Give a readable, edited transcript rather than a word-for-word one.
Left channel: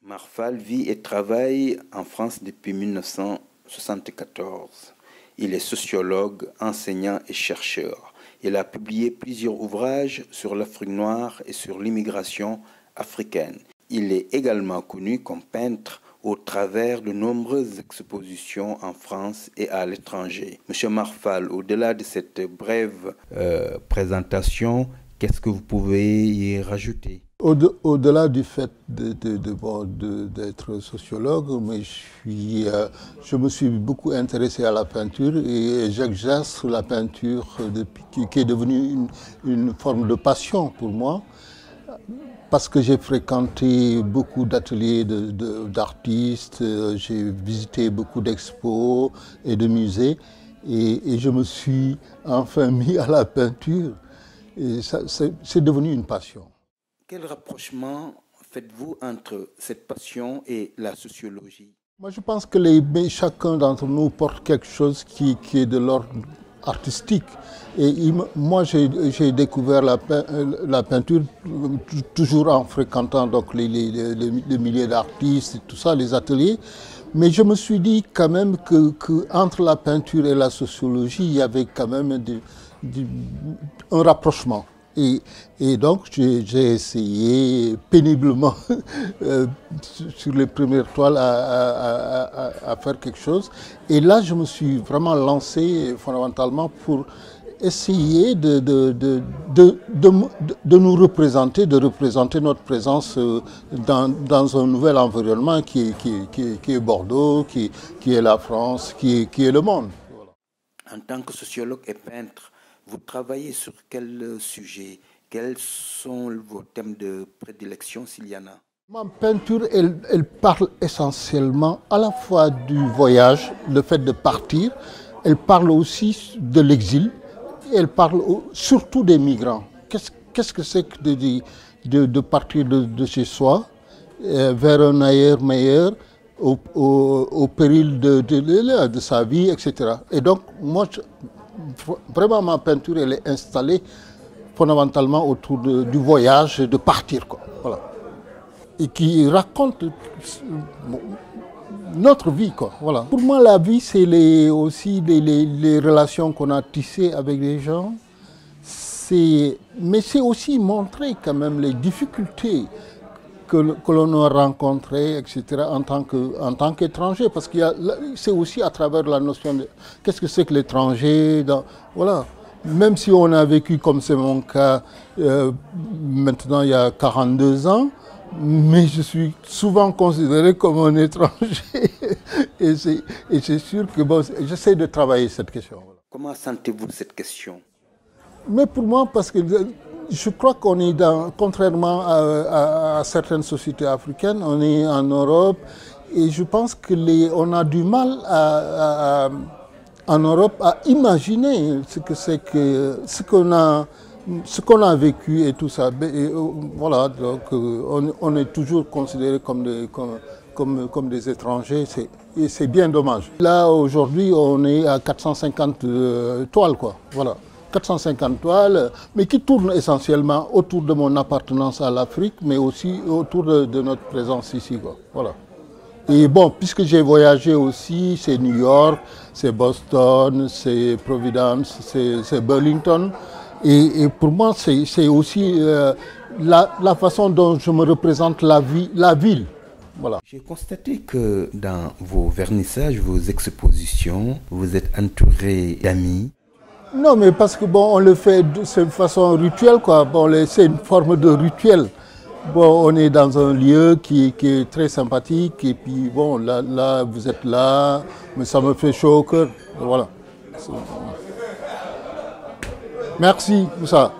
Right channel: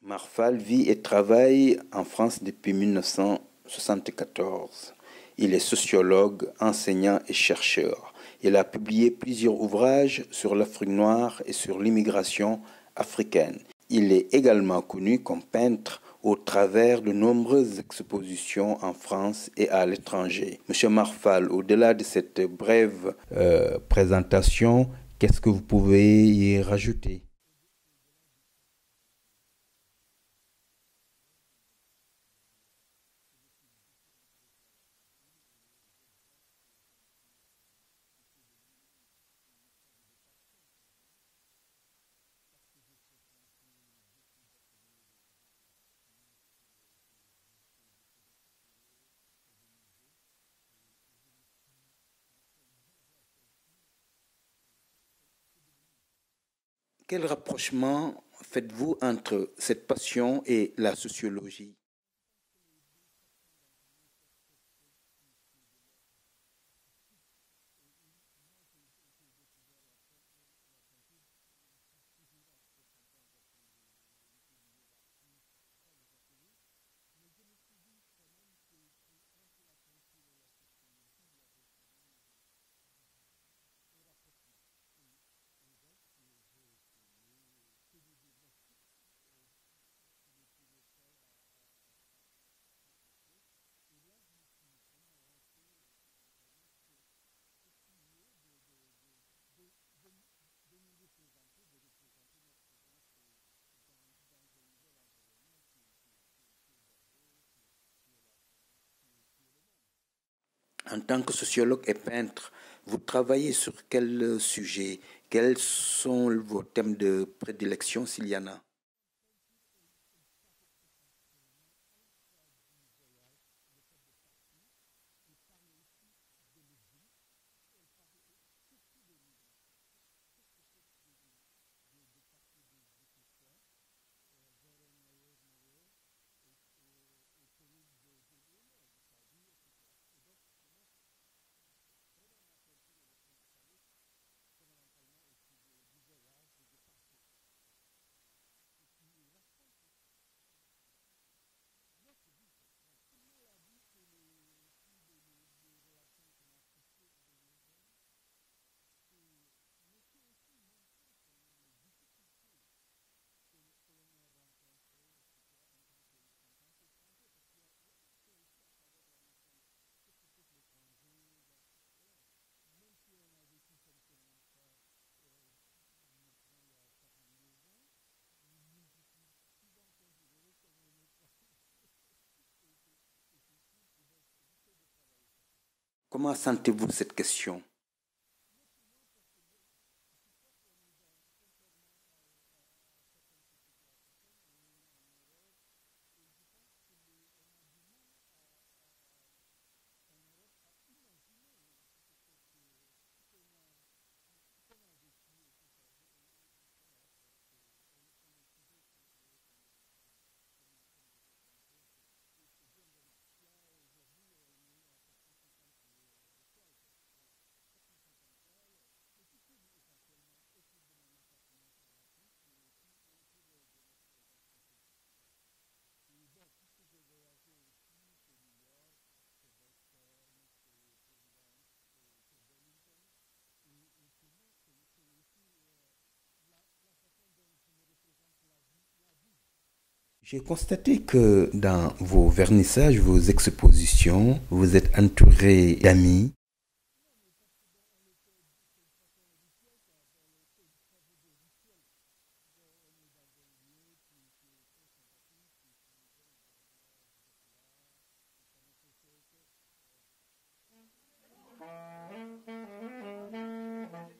Marfal vit et travaille en France depuis 1974. Il est sociologue, enseignant et chercheur. Il a publié plusieurs ouvrages sur l'Afrique noire et sur l'immigration africaine. Il est également connu comme peintre au travers de nombreuses expositions en France et à l'étranger. Monsieur Marfal, au-delà de cette brève présentation, qu'est-ce que vous pouvez y rajouter? Au-delà du fait d'être sociologue, mais je me suis beaucoup intéressé à la peinture et j'exerce la peinture qui est devenue une forme de passion pour moi, parce que j'ai fréquenté beaucoup d'ateliers d'artistes, j'ai visité beaucoup d'expos et de musées et je me suis enfin mis à la peinture et c'est devenu une passion. Quel rapprochement faites-vous entre cette passion et la sociologie? Moi, je pense que chacun d'entre nous porte quelque chose qui est de l'ordre artistique. Et moi, j'ai découvert la peinture toujours en fréquentant donc, les milliers d'artistes et tout ça, les ateliers. Mais je me suis dit quand même qu'entre la peinture et la sociologie, il y avait quand même un rapprochement. Et donc, j'ai essayé péniblement sur les premières toiles à faire quelque chose. Et là, je me suis vraiment lancé fondamentalement pour essayer de nous représenter, de représenter notre présence dans un nouvel environnement qui est Bordeaux, qui est la France, qui est le monde. Voilà. En tant que sociologue et peintre, vous travaillez sur quel sujet? Quels sont vos thèmes de prédilection, s'il y en a? Ma peinture, elle parle essentiellement à la fois du voyage, le fait de partir. Elle parle aussi de l'exil. Elle parle surtout des migrants. Qu'est-ce que c'est que de partir de chez soi vers un ailleurs meilleur au péril de sa vie, etc. Et donc, moi, vraiment, ma peinture, elle est installée fondamentalement autour du voyage et de partir, quoi. Voilà. Et qui raconte notre vie, quoi. Voilà. Pour moi, la vie, c'est aussi les relations qu'on a tissées avec les gens. Mais c'est aussi montrer quand même les difficultés que l'on a rencontrées, etc., en tant qu'étranger. Parce que c'est aussi à travers la notion de qu'est-ce que c'est que l'étranger. Voilà. Même si on a vécu, comme c'est mon cas, maintenant il y a 42 ans, mais je suis souvent considéré comme un étranger. Et c'est sûr que bon, j'essaie de travailler cette question. Comment sentez-vous cette question? Mais pour moi, parce que je crois qu'on est contrairement à certaines sociétés africaines, on est en Europe et je pense qu'on a du mal en Europe à imaginer ce qu'on a vécu et tout ça. Et, voilà, donc on est toujours considéré comme des étrangers et c'est bien dommage. Là, aujourd'hui, on est à 450 toiles, quoi. Voilà. 450 toiles, mais qui tournent essentiellement autour de mon appartenance à l'Afrique, mais aussi autour de notre présence ici, quoi. Voilà. Et bon, puisque j'ai voyagé aussi, c'est New York, c'est Boston, c'est Providence, c'est Burlington. Et pour moi, c'est aussi la façon dont je me représente la ville. Voilà. J'ai constaté que dans vos vernissages, vos expositions, vous êtes entouré d'amis. Non, mais parce que bon, on le fait de cette façon rituelle, quoi. Bon, c'est une forme de rituel. Bon, on est dans un lieu qui est très sympathique et puis bon, là, vous êtes là, mais ça me fait chaud au cœur. Voilà. Merci, Moussa.